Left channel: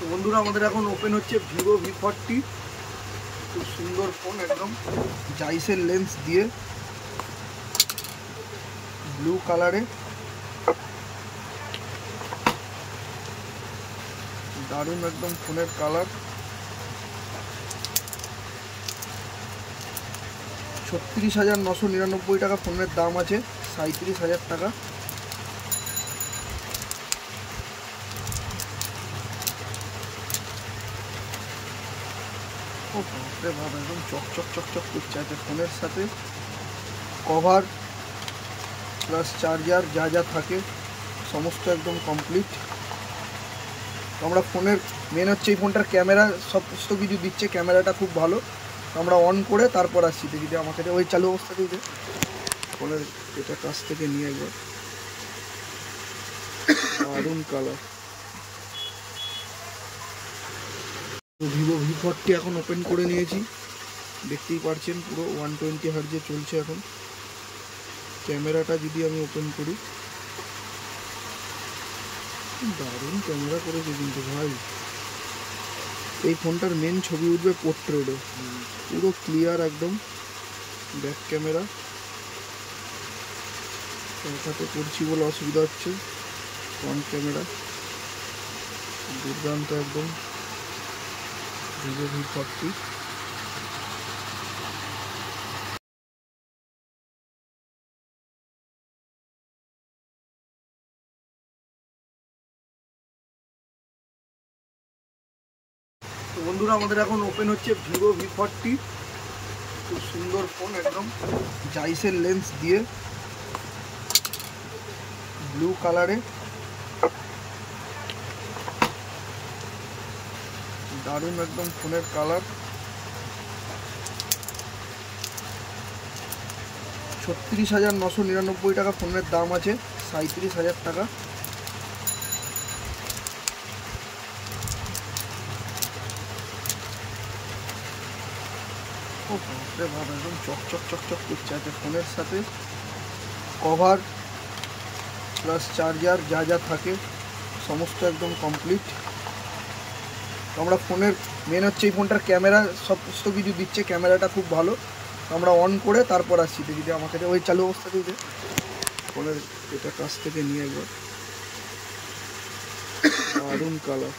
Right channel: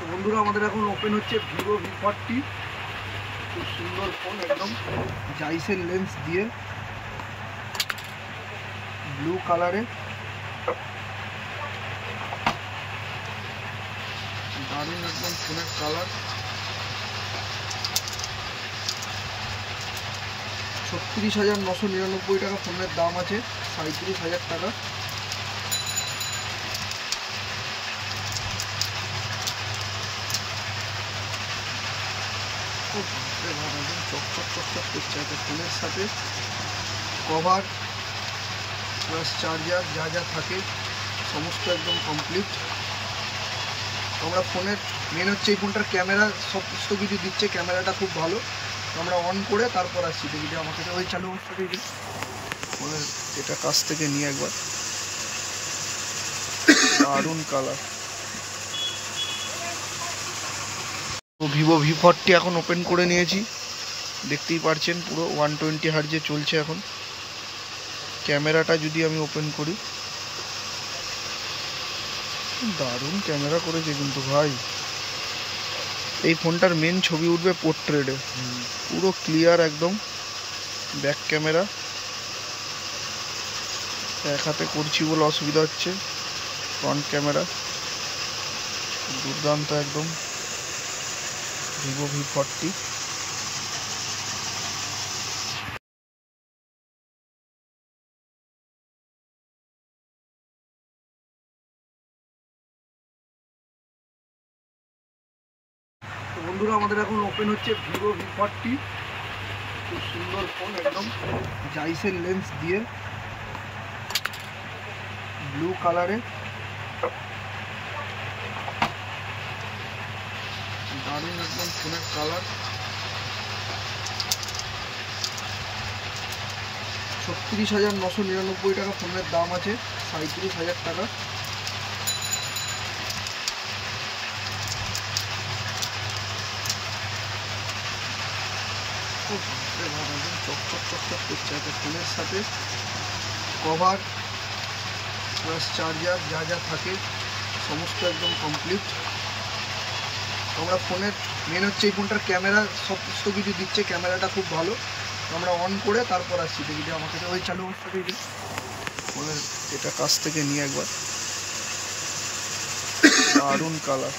তো বন্ধুরা আমাদের এখন ওপেন হচ্ছে ভিভো V40, খুব সুন্দর ফোন, একদম জাইসের লেন্স দিয়ে ব্লু কালারে, দারুণ একদম ফোনের কালার। 36,999 টাকা ফোনের দাম আছে, 37,000 টাকা। একদম চকচক চকচক করছে আর কি। ফোনের সাথে কভার প্লাস চার্জার যা যা থাকে সমস্ত একদম কমপ্লিট। আমরা ফোনের মেন হচ্ছে এই ফোনটার ক্যামেরা সমস্ত কিছু দিচ্ছে, ক্যামেরাটা খুব ভালো। আমরা অন করে তারপর আসছি, যদি আমাকে ওই চালু অবস্থাতেই যে ফোনের এটা কাছ থেকে নিয়ে একবার, দারুণ কালার। তো ভিভো V40 এখন ওপেন করে নিয়েছি, দেখতেই পারছেন পুরো 120 হার্জে চলছে এখন। ক্যামেরাটা যদি আমি ওপেন করি, দারুণ ক্যামেরা করেছে কিন্তু ভাই। এই ফোনটার মেন ছবি উঠবে পোর্ট্রেটে, পুরো ক্লিয়ার একদম। ব্যাক ক্যামেরা এক হাতে করছি বলে অসুবিধা হচ্ছে, ফ্রন্ট ক্যামেরা দুর্দান্ত একদম ভিভো V40। তো বন্ধুরা আমাদের এখন ওপেন হচ্ছে ভিভো V40, খুব সুন্দর ফোন, একদম জাইসের লেন্স দিয়ে ব্লু কালারে, দারুণ একদম ফোনের কালার। 36,999 টাকা ফোনের দাম আছে, 37,000 টাকা। একদম চকচক চকচক করছে আর কি। ফোনের সাথে কভার প্লাস চার্জার যা যা থাকে সমস্ত একদম কমপ্লিট। আমরা ফোনের মেন হচ্ছে এই ফোনটার ক্যামেরা সমস্ত কিছু দিচ্ছে, ক্যামেরাটা খুব ভালো। আমরা অন করে তারপর আসছি, যদি আমাকে ওই চালু অবস্থাতেই যে ফোনের এটা কাছ থেকে নিয়ে একবার, দারুণ কালার।